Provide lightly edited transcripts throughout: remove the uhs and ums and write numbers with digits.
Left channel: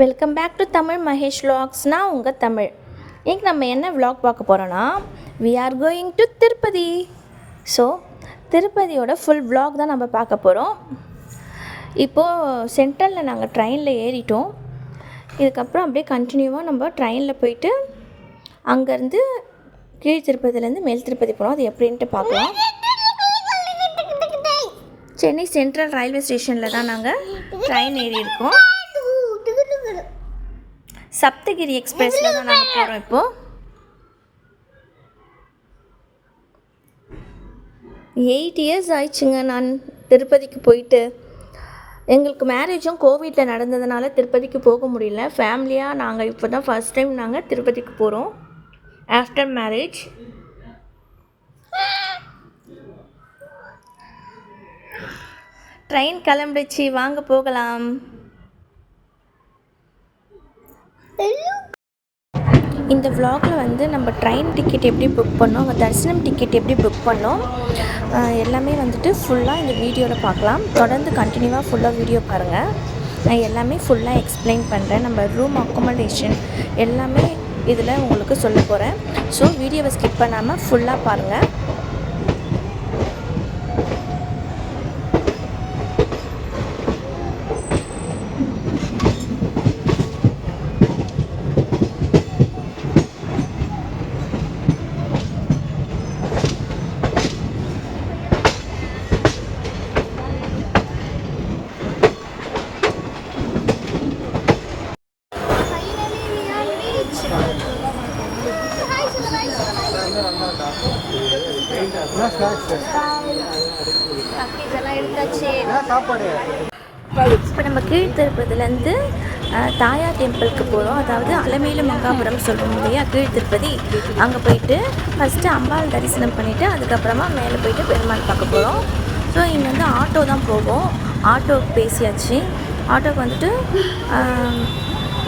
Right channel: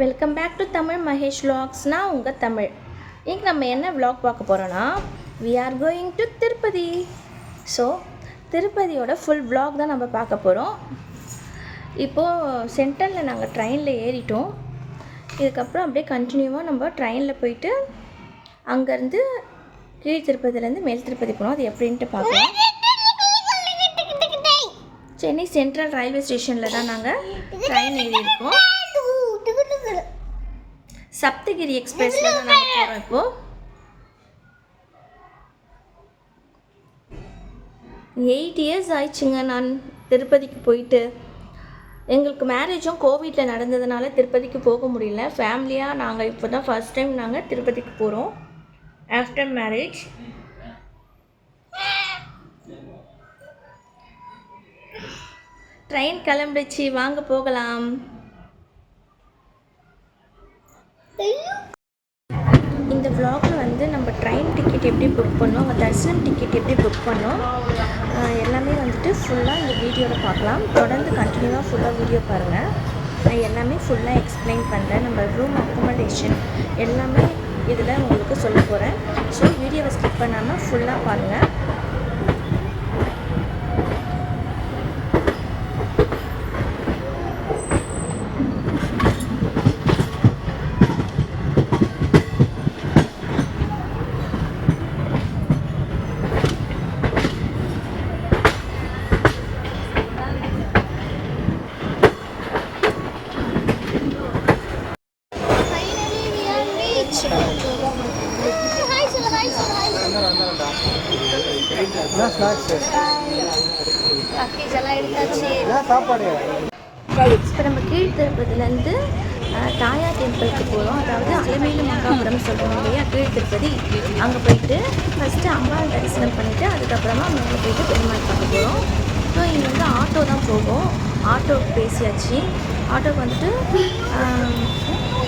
Welcome back to Tamil Mahesh vlogsனா உங்கள் தமிழ். இன்னைக்கு நம்ம என்ன vlog பார்க்க போகிறோன்னா we are going to Tirupati. So திருப்பதியோட ஃபுல் vlog தான் நம்ம பார்க்க போகிறோம். இப்போது சென்ட்ரலில் நாங்கள் ட்ரெயினில் ஏறிட்டோம். இதுக்கப்புறம் அப்படியே கண்டினியூவாக நம்ம ட்ரெயினில் போயிட்டு அங்கேருந்து கீழ் திருப்பதிலேருந்து மேல் திருப்பதி போகிறோம். அது எப்படின்ட்டு பார்க்கலாம். சென்னை சென்ட்ரல் ரயில்வே ஸ்டேஷனில் தான் நாங்கள் ட்ரெயின் ஏறி இருக்கோம். சப்தகிரி எக்ஸ்பிரஸில் தான் நாங்கள் போகிறோம். இப்போது 8 years ஆயிடுச்சுங்க நான் திருப்பதிக்கு போயிட்டு. எங்களுக்கு மேரேஜும் கோவிட்டில் நடந்ததுனால திருப்பதிக்கு போக முடியல. ஃபேமிலியாக நாங்கள் இப்போ தான் ஃபஸ்ட் டைம் நாங்கள் திருப்பதிக்கு போகிறோம் ஆஃப்டர் மேரேஜ். ட்ரெயின் கிளம்பிடுச்சு, வாங்க போகலாம். இந்த vlogல வந்து நம்ம ட்ரெயின் டிக்கெட் எப்படி புக் பண்ணோம், தரிசனம் டிக்கெட் எப்படி புக் பண்ணோம் எல்லாமே வந்துட்டு ஃபுல்லாக இந்த வீடியோவில் பார்க்கலாம். தொடர்ந்து கண்டினியூவாக ஃபுல்லாக வீடியோ பாருங்கள். நான் எல்லாமே ஃபுல்லாக எக்ஸ்பிளைன் பண்ணுறேன். நம்ம ரூம் அக்கமடேஷன் எல்லாமே இதில் உங்களுக்கு சொல்ல போகிறேன். ஸோ வீடியோவை ஸ்கிப் பண்ணாமல் ஃபுல்லாக பாருங்கள். இப்போ நம்ம கீழ் திருப்பதிலேருந்து தாயார் டெம்பிளுக்கு போகிறோம். அதாவது அலமேலு மங்காபுரம் சொல்கிறோம் இல்லையா, கீழ் திருப்பதி. அங்கே போயிட்டு ஃபஸ்ட்டு அம்பாள் தரிசனம் பண்ணிவிட்டு அதுக்கப்புறமா மேலே போயிட்டு பெருமாள் பார்க்க போகிறோம். ஸோ இங்கே வந்து ஆட்டோ தான் போகும். ஆட்டோவுக்கு பேசியாச்சு. ஆட்டோக்கு வந்துட்டு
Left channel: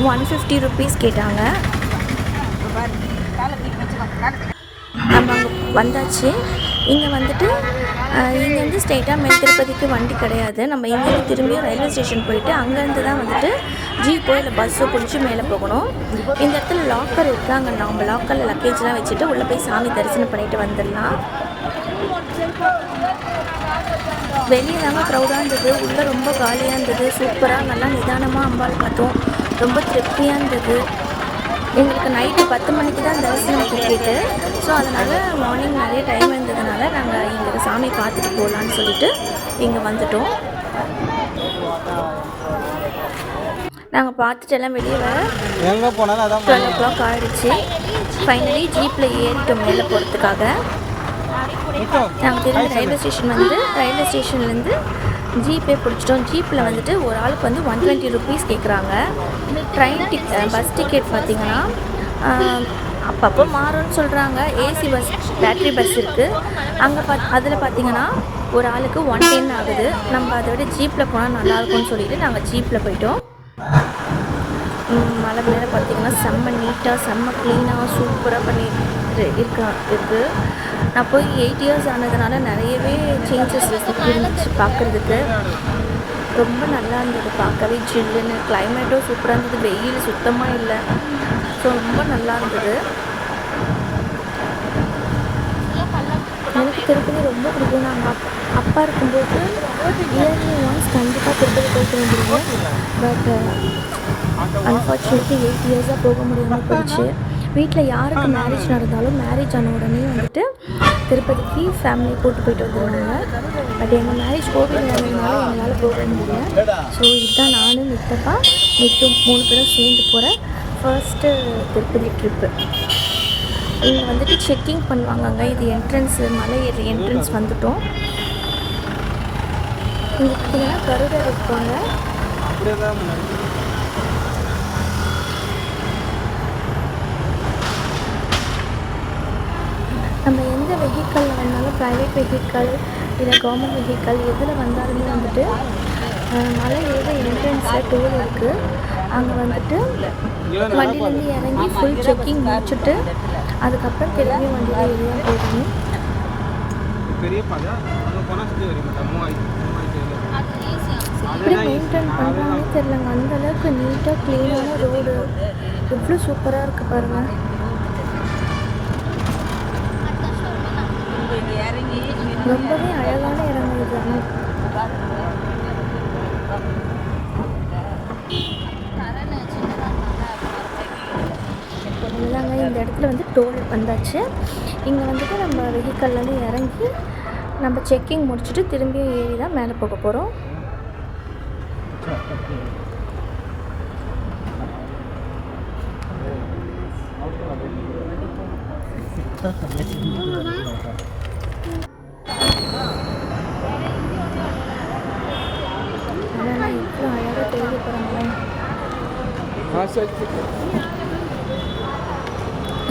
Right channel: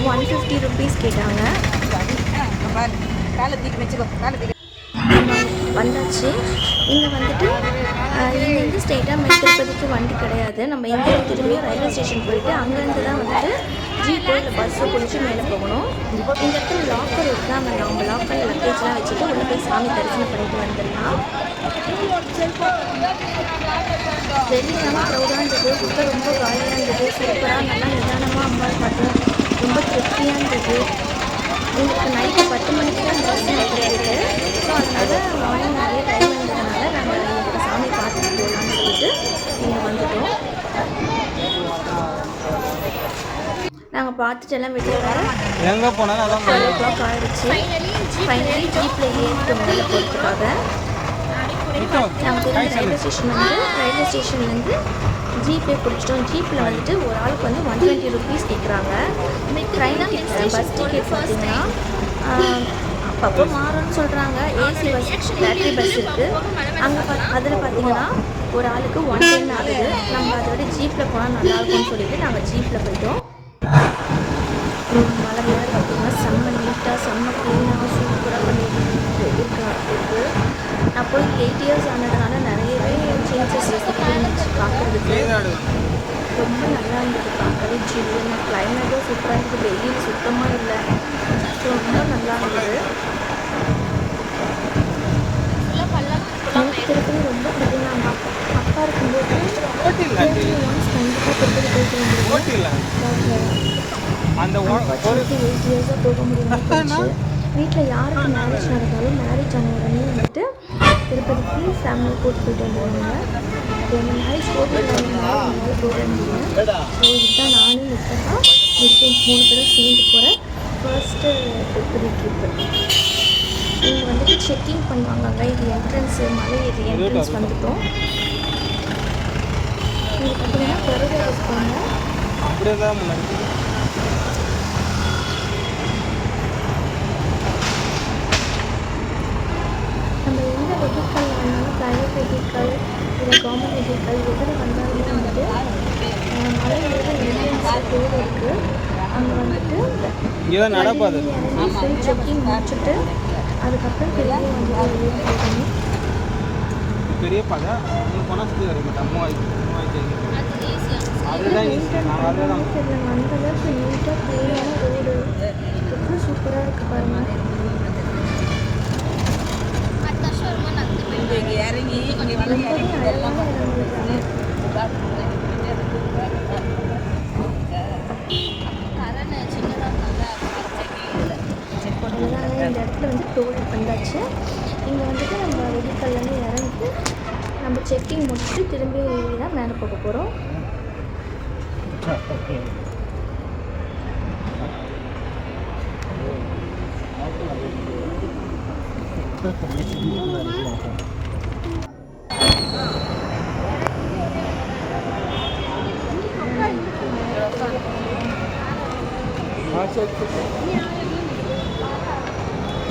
150 rupees கேட்டாங்க. வந்தாச்சு. இங்கே வந்துட்டு இங்கேருந்து ஸ்ட்ரெயிட்டாக மேல் திருப்பதிக்கு வண்டி கிடையாது. நம்ம இங்கே திரும்பியும் ரயில்வே ஸ்டேஷன் போயிட்டு அங்கேருந்து தான் வந்துட்டு ஜீப்போ இல்லை பஸ்ஸோ பிடிச்சி மேலே போகணும். இந்த இடத்துல லாக்கர் இருக்குது. அங்கே நம்ம லாக்கரில் லக்கேஜ்லாம் வச்சுட்டு உள்ளே போய் சாமி தரிசனம் பண்ணிட்டு வந்துடலாம். வெளியெல்லாம் க்ரௌடாக இருந்தது, உள்ளே ரொம்ப காலியாக இருந்தது. சூப்பராக நல்லா நிதானமாக அம்பாள் பார்த்தோம். ரொம்ப திருப்தியாக இருந்தது. எங்களுக்கு நைட்டு 10 மணிக்கு தான் தரிசனம் டிக்கெட்டு. ஸோ அதனால் மார்னிங் நிறைய டைம் இருந்ததுனால நாங்கள் இங்கே சாமி பார்த்துட்டு போகலான்னு சொல்லிட்டு இங்கே வந்துட்டோம். நாங்கள் பார்த்துட்டு எல்லாம் வெளியே வர 12 o'clock ஆகிடுச்சு. ஃபைனலி ஜீப்பில் ஏறிட்டோம் மேலே போகிறதுக்காக. நாங்கள் திரும்ப ரயில்வே ஸ்டேஷன்லேருந்து ஜீப்பே பிடிச்சிட்டோம். ஜீப்பில் வந்துட்டு ஒரு ஆளுக்கு வந்து 120 rupees கேட்குறாங்க. ட்ரெயின் டிக்கெட் பஸ் டிக்கெட் பார்த்திங்கன்னா அப்பப்போ மாறும்னு சொல்கிறாங்க. ஏசி பஸ் பேட்ரி பஸ் இருக்குது அங்கே அதில் பார்த்திங்கன்னா ஒரு ஆளுக்கு 110 ஆகுது. நம்ம அதை விட ஜீப்பில் போனால் நல்லாயிருக்கும்னு சொல்லிட்டு நாங்கள் ஜீப்பில் போயிட்டோம். மழை வேறு பார்த்திங்கன்னா செம்ம நீட்டாக செம்ம க்ளீனாக சூப்பராக பண்ணிட்டு இருக்குது. நான் போய் 8 years ஆனதுனால நிறையவே சேஞ்சஸ் இருந்துச்சு பார்க்குறதுக்கு. ரொம்ப நல்லா இருந்தது பார்க்கவே. ஜில்லுன்னு கிளைமேட்டும் சூப்பராக இருந்தது. வெயில் சுத்தமாக இல்லை. ஸோ ரொம்ப நல்லா இருந்தது. எனக்கு திருப்பதி ரொம்ப பிடிக்கும். நம்ம அப்பா இருக்கும்போது கண்டிப்பாக திருப்பதி போயிட்டு வந்துடுவோம். பட் அன்ஃபார்ச்சுனேட்லி 8 years போக முடியாமல் போயிடுச்சு. வீட்டில் யாருக்கு மேரேஜ் நடந்தாலும் மேரேஜ் ஆன உடனே வந்துட்டு திருப்பதிக்கு ஃபேமிலி போயிட்டு வந்துடுவாங்க. அது எங்கள் மேரேஜ் கோவில் இருந்ததுனால எங்களால் போக முடியல. ஸோ இதுதான் நானும் மித்தப்பா 3 பேரும் சேர்ந்து போகிற ஃபர்ஸ்ட்டு திருப்பதி ட்ரிப்பு. இங்கே வந்துட்டு செக்கிங் பண்ணுவாங்கங்க. இது என்ட்ரன்ஸு, மலை ஏறி என்ட்ரன்ஸ் வந்துட்டோம். இங்கே பார்த்தீங்கன்னா கருடர் இருக்காங்க. நம்ம எந்த வெஹிக்கல் வந்தாலும் ப்ரைவேட் வெஹிக்கல் இல்லை கவர்மெண்ட் வெஹிக்கல் எதில் வந்தாலுமே வந்துட்டு மலை ஏற என்ட்ரன்ஸில் டோர் இருக்குது. அங்கே வந்துட்டு வண்டியிலேருந்து இறங்கி ஃபுல் செக்கிங் முடிச்சுட்டு அதுக்கப்புறம் திரும்பி வண்டியில் வெளியே போகணும். எப்படி மெயின்டைன் பண்ணுறாங்கன்னு தெரியலங்க. அந்தளவுக்கு நீட்டாக க்ளீனான ரோடு எவ்வளோ சூப்பராக இருக்குது பாருங்கள். ரொம்பவே அழகான இடம் இது. அவ்வளோதாங்க, இந்த இடத்துல வந்து டோல் வந்தாச்சு. இங்கே வந்துட்டு நம்ம வெஹிக்கல்லேருந்து இறங்கி நம்ம செக்கிங் முடிச்சுட்டு திரும்பி ஏறி தான் மேலே போக போகிறோம்.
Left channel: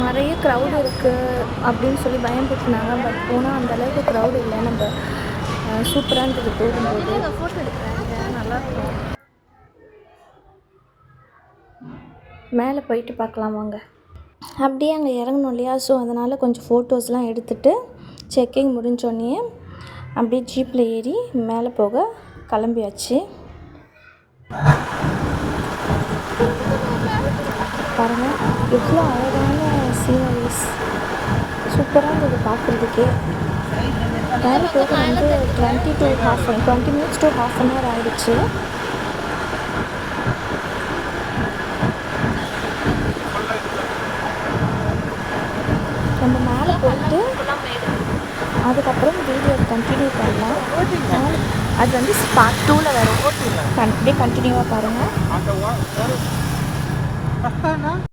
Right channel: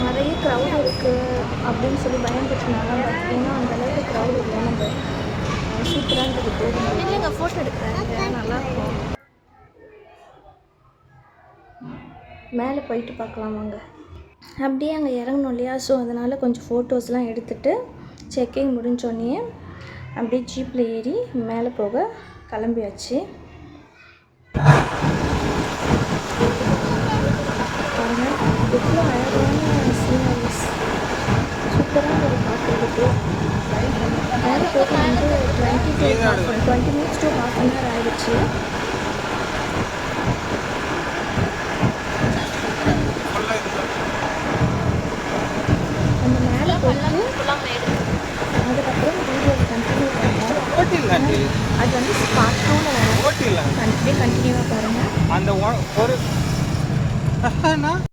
நிறைய க்ரௌட் இருக்குது அப்படின்னு சொல்லி பயன்படுத்தினாங்க. பட் போனால் அந்தளவுக்கு க்ரௌட் இல்லை. நம்ம சூப்பராக இருந்தது போகும்போது. எங்கள் ஃபோட்டோ எடுக்கிறாங்க, நல்லாயிருக்கும். மேலே போயிட்டு பார்க்கலாம் வாங்க. அப்படியே அங்கே இறங்கணும் இல்லையா, ஸோ அதனால் கொஞ்சம் ஃபோட்டோஸ்லாம் எடுத்துகிட்டு செக்கிங் முடிஞ்சோடனே அப்படியே ஜீப்பில் ஏறி மேலே போக கிளம்பியாச்சு. பாருங்கள் எவ்வளோ அழகான சீனரிஸ், சூப்பராக இருந்தது பார்க்குறதுக்கே. மேலே போக வந்து 20 மினிட்ஸ் டு ½ அன் ஹவர் ஆகிடுச்சு. நம்ம மேலே போயிட்டு அதுக்கப்புறம் வீடியோ கண்டினியூ பண்ணலாம். அது வந்து பார்ட் 2ல் வரும். கண்டினியூவாக பாருங்கள்.